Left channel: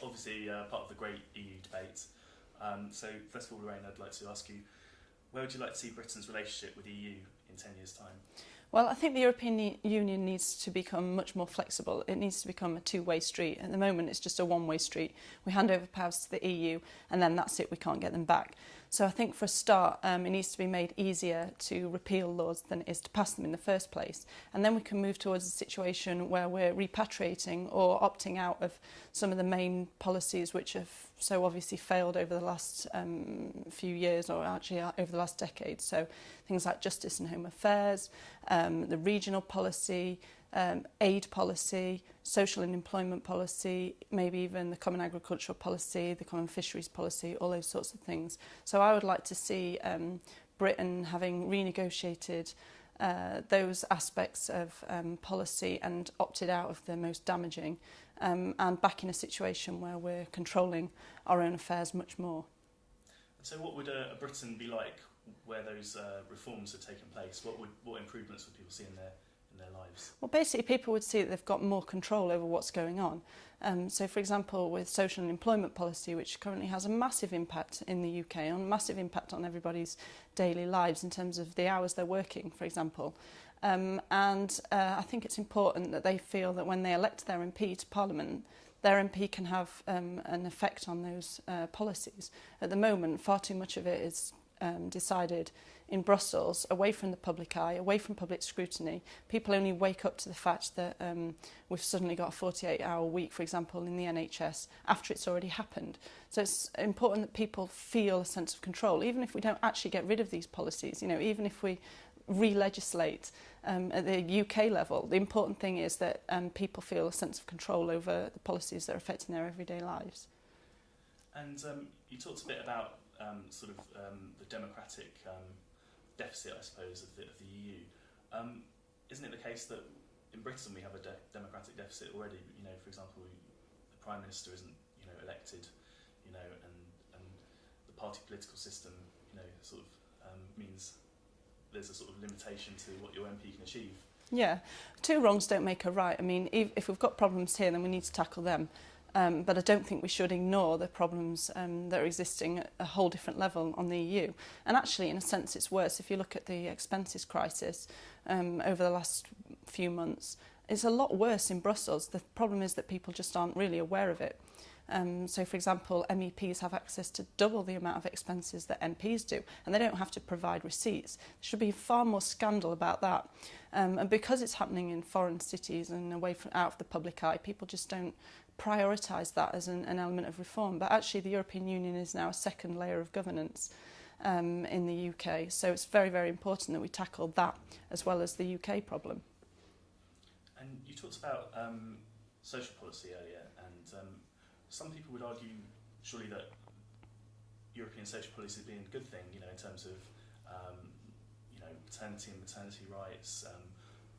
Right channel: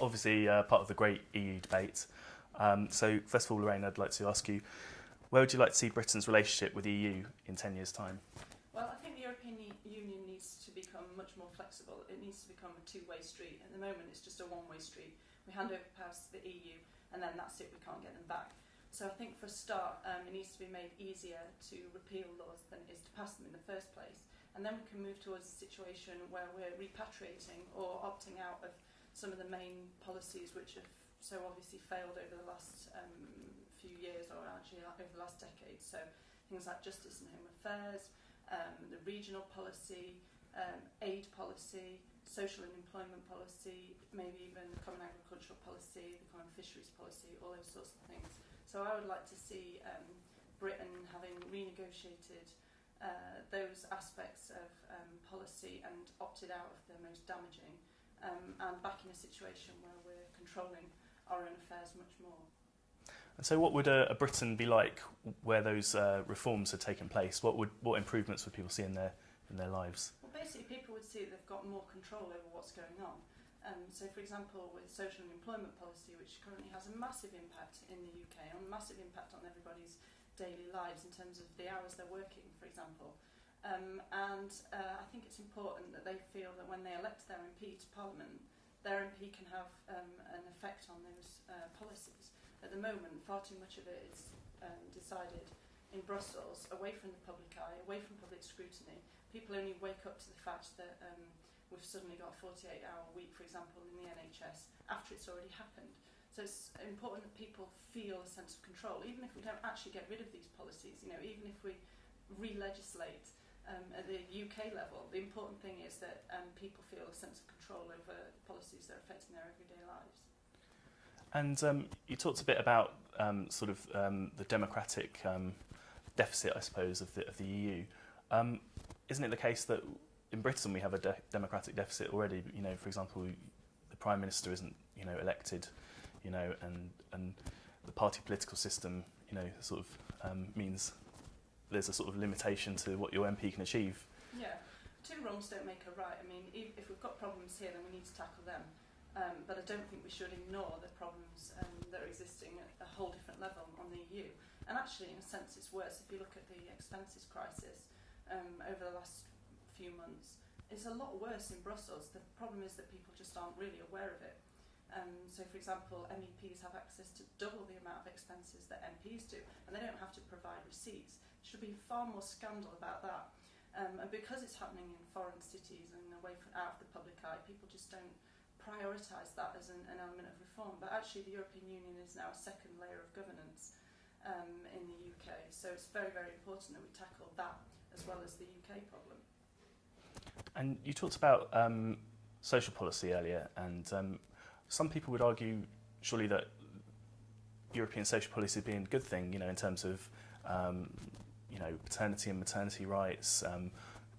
obviously part of the great EU debate. So first of all, Lorraine, I'd like to ask you, where would you like to see Britain's relationship with the EU in 10 years' time? Well, I think the European Union needs to become much more flexible. It needs to become a two-way street. At the moment, it's just a one-way street. We hand over powers to the EU, and then that's it. We can't get them back. So I think for a start, it needs to be made easier to repeal laws than it is to pass them in the first place. And then we can move towards a situation where we're repatriating or opting out of some of the main policies which have so obviously failed over the last few years, or actually over the last decade. So things like justice and home affairs, the regional policy, aid policy, social and employment policy, maybe even the common agricultural policy, the common fisheries policy, all those sorts of things. So I would like to see Britain having renegotiated those aspects of policy and opted out of the most damaging, and back in a situation where we're controlling our own affairs much more. And so what would a Britain be like where those reforms had taken place? What improvements would people see in their lives? Well, basically people would see that they've got more control over what's going on. So for example, with social and employment policy, which currently has a massive impact in the UK, and a massive impact on everybody's daily lives in terms of the hours they're working, for example. I think it's important that they feel that when they elect their MP to Parliament, their MP can have an effect on those policies. At the moment, far too much of it is decided in Brussels, away from the public eye, away from public scrutiny. People only wake up to the fact that we've suddenly got a 48-hour week, for example, in the NHS, after it's already happened. So it's important that people feel a sense of control, even if we don't actually get rid of these policies, even if we re-legislate at the UK level. The important thing is that people feel a sense of control over the policies that are affecting their everyday lives. And you talked a bit about the democratic deficit, I suppose, of the EU. Isn't it the case that in Britain we have a democratic deficit already? For example, the Prime Minister isn't, elected, and the party political system, means there's a sort of limitation to what your MP can achieve. Yeah, two wrongs don't make a right. I mean, if we've got problems here, then we need to tackle them. But I don't think we should ignore the problems that are existing at a whole different level on the EU. And actually, in a sense, it's worse. If you look at the expenses crisis over the last few months, it's a lot worse in Brussels. The problem is that people just aren't really aware of it. So, for example, MEPs have access to double the amount of expenses that MPs do, and they don't have to provide receipts. There should be far more scandal about that. And because it's happening in foreign cities and out of the public eye, people just don't prioritise that as an element of reform. But actually, the European Union is now a second layer of governance in the UK. So it's very, very important that we tackle that as well as the UK problem. And you talked about social policy earlier, and some people would argue, surely, that European social policy being a good thing, in terms of, paternity and maternity rights,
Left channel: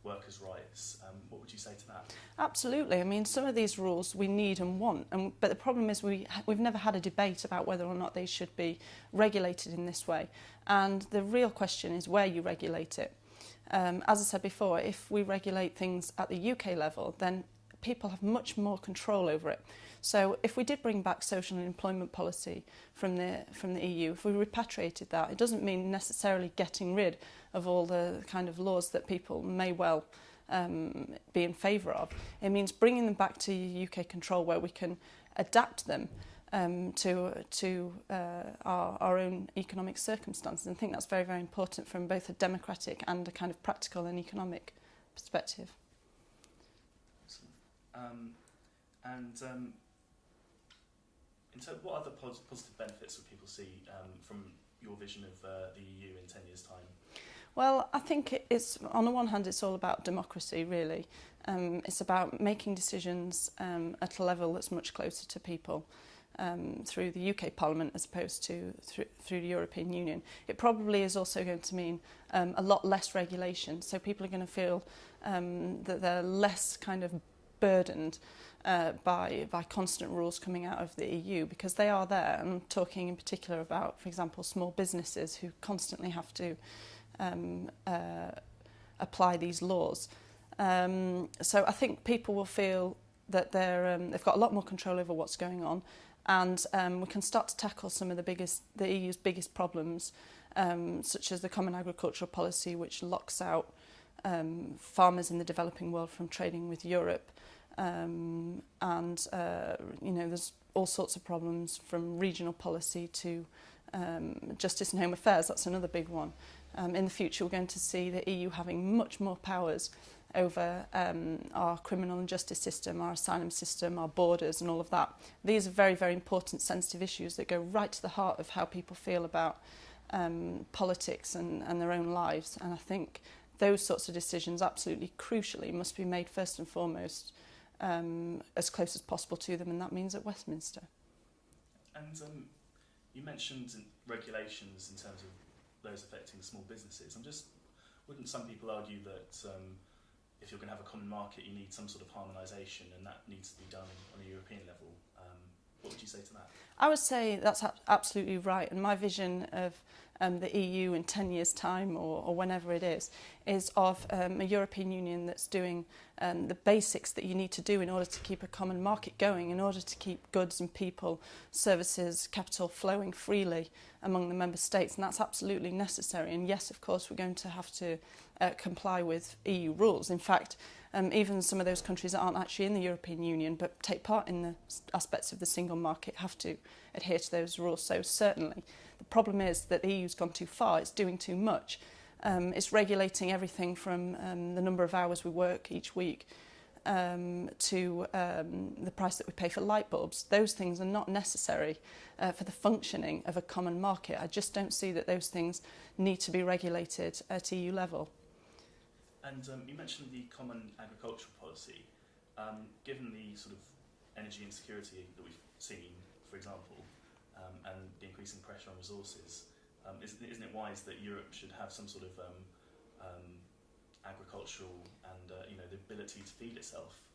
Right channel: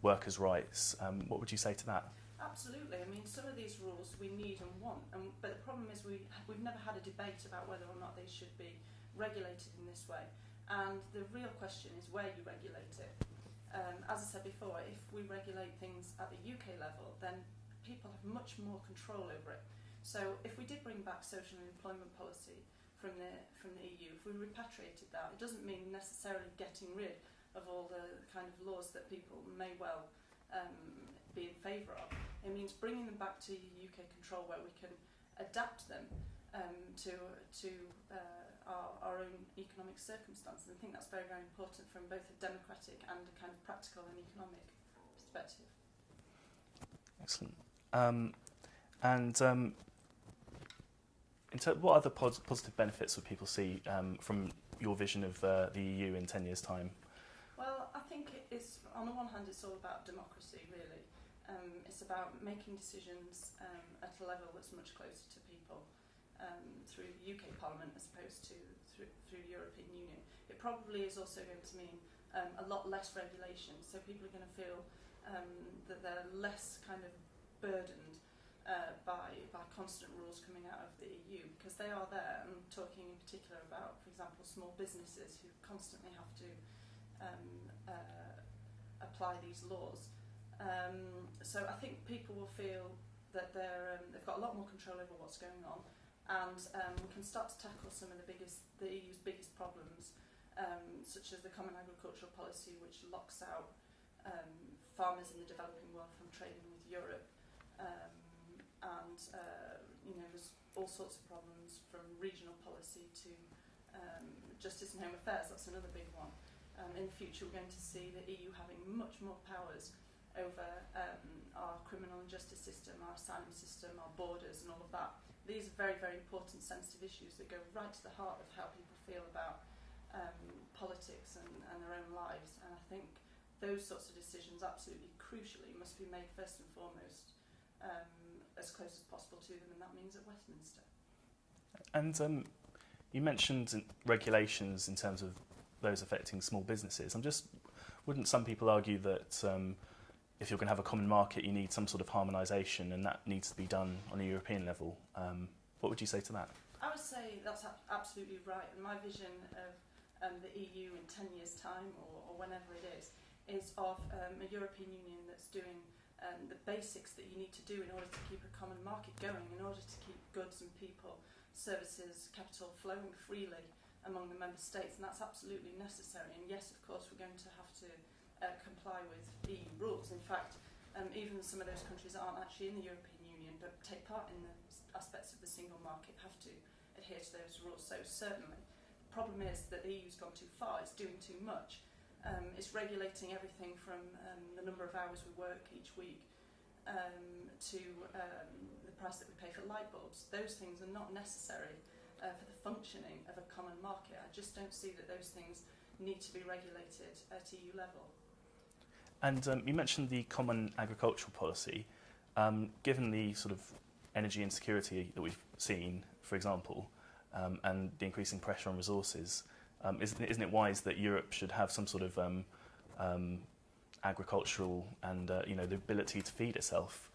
workers' rights. What would you say to that? Absolutely. I mean, some of these rules we need and want, but the problem is we've never had a debate about whether or not they should be regulated in this way. And the real question is where you regulate it. As I said before, if we regulate things at the UK level, then people have much more control over it. So if we did bring back social and employment policy from the EU, if we repatriated that, it doesn't mean necessarily getting rid of all the kind of laws that people may well be in favour of. It means bringing them back to UK control where we can adapt them to our own economic circumstances. And I think that's very, very important from both a democratic and a kind of practical and economic perspective. Excellent. What other positive benefits would people see from your vision of the EU in 10 years' time? Well, I think it's, on the one hand, it's all about democracy, really. It's about making decisions at a level that's much closer to people through the UK Parliament as opposed to through the European Union. It probably is also going to mean a lot less regulation, so people are going to feel that they're less kind of burdened by constant rules coming out of the EU, because they are there. I'm talking in particular about, for example, small businesses who constantly have to apply these laws. So I think people will feel that they've got a lot more control over what's going on, and we can start to tackle some of the EU's biggest problems, such as the Common Agricultural Policy, which locks out farmers in the developing world from trading with Europe. There's all sorts of problems from regional policy to justice and home affairs. That's another big one. In the future, we're going to see the EU having much more powers over our criminal and justice system, our asylum system, our borders and all of that. These are very, very important, sensitive issues that go right to the heart of how people feel about politics and their own lives. And I think those sorts of decisions, absolutely crucially, must be made first and foremost as close as possible to them, and that means at Westminster. And you mentioned regulations in terms of those affecting small businesses. Wouldn't some people argue that if you're going to have a common market, you need some sort of harmonisation, and that needs to be done on a European level? What would you say to that? I would say that's absolutely right, and my vision of the EU in 10 years' time or whenever it is of a European Union that's doing the basics that you need to do in order to keep a common market going, in order to keep goods and people, services, capital flowing freely among the member states, and that's absolutely necessary. And yes, of course, we're going to have to comply with EU rules. In fact, even some of those countries that aren't actually in the European Union but take part in the aspects of the single market have to adhere to those rules. So certainly, the problem is that the EU's gone too far, it's doing too much. It's regulating everything from the number of hours we work each week to the price that we pay for light bulbs. Those things are not necessary for the functioning of a common market. I just don't see that those things need to be regulated at EU level. And you mentioned the Common Agricultural Policy. Given the sort of energy insecurity that we've seen, for example, and the increasing pressure on resources, isn't it wise that Europe should have some sort of agricultural and the ability to feed itself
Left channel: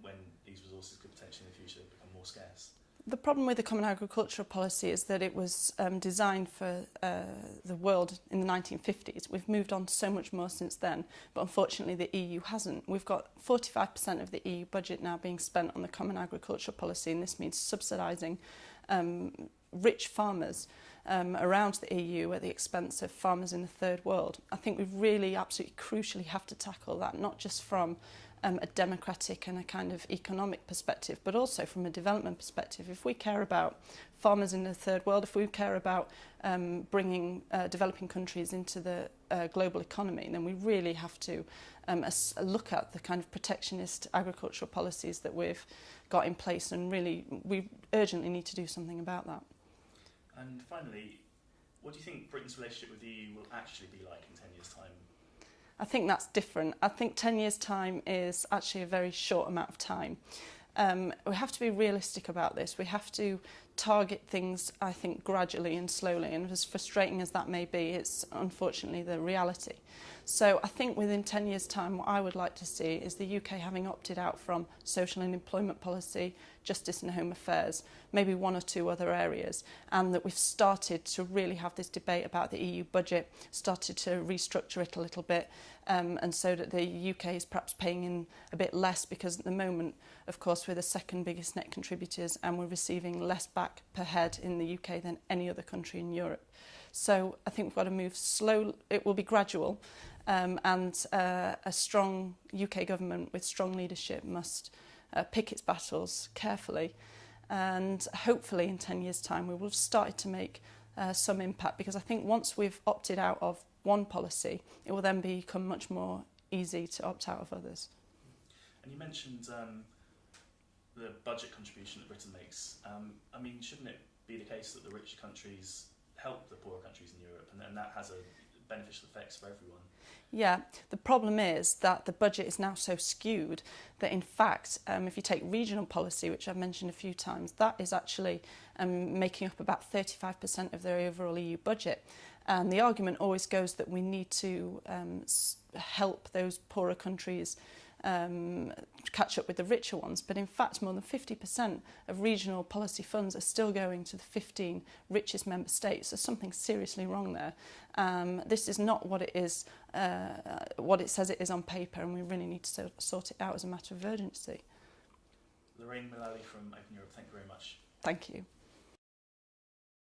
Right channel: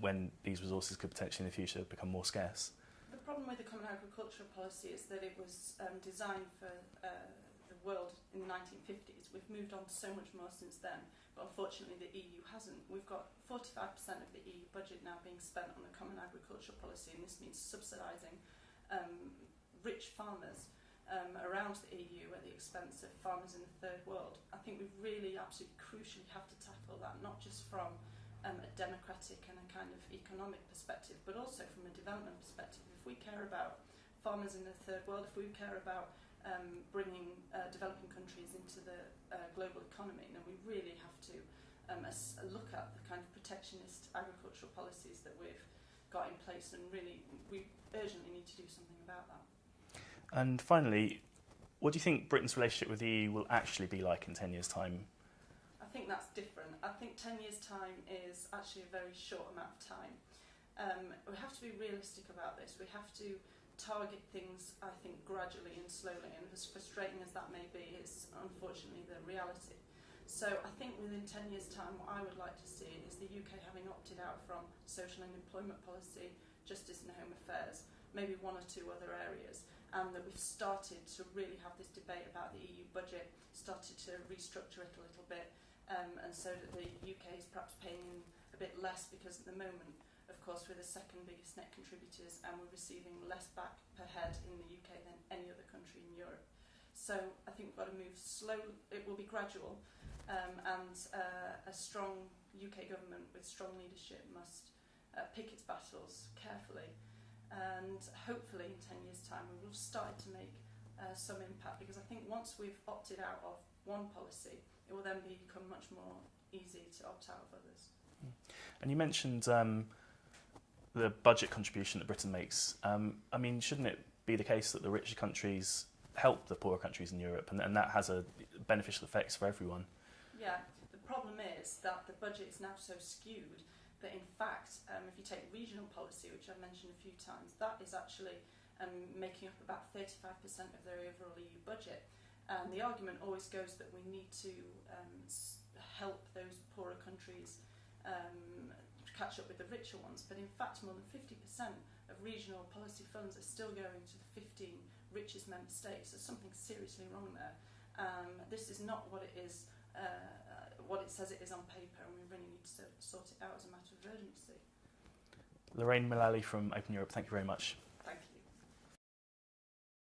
when these resources could potentially in the future become more scarce? The problem with the Common Agricultural Policy is that it was designed for the world in the 1950s. We've moved on so much more since then, but unfortunately the EU hasn't. We've got 45% of the EU budget now being spent on the Common Agricultural Policy, and this means subsidising rich farmers around the EU at the expense of farmers in the third world. I think we really absolutely crucially have to tackle that, not just from a democratic and a kind of economic perspective, but also from a development perspective. If we care about farmers in the third world, if we care about bringing developing countries into the global economy, then we really have to look at the kind of protectionist agricultural policies that we've got in place, and really we urgently need to do something about that. And finally, what do you think Britain's relationship with the EU will actually be like in 10 years' time? I think that's different. I think 10 years' time is actually a very short amount of time. We have to be realistic about this. We have to target things, I think, gradually and slowly, and as frustrating as that may be, it's unfortunately the reality. So I think within 10 years' time, what I would like to see is the UK having opted out from social and employment policy, justice and home affairs, maybe one or two other areas, and that we've started to really have this debate about the EU budget, started to restructure it a little bit, and so that the UK is perhaps paying in a bit less, because at the moment, of course, we're the second biggest net contributors and we're receiving less back per head in the UK than any other country in Europe. So I think we've got to move slow. It will be gradual, and a strong UK government with strong leadership must pick its battles carefully, and hopefully in 10 years' time we will have started to make some impact, because I think once we've opted out of one policy, it will then become much more easy to opt out of others. And you mentioned the budget contribution that Britain makes. I mean, shouldn't it be the case that the richer countries help the poorer countries in Europe, and that has a beneficial effects for everyone? Yeah, the problem is that the budget is now so skewed that in fact, if you take regional policy, which I've mentioned a few times, that is actually making up about 35% of their overall EU budget. And the argument always goes that we need to help those poorer countries catch up with the richer ones. But in fact, more than 50% of regional policy funds are still going to the 15 richest member states. There's something seriously wrong there. This is not what it is, what it says it is on paper, and we really need to sort it out as a matter of urgency. Lorraine Mullally from Open Europe, thank you very much. Thank you.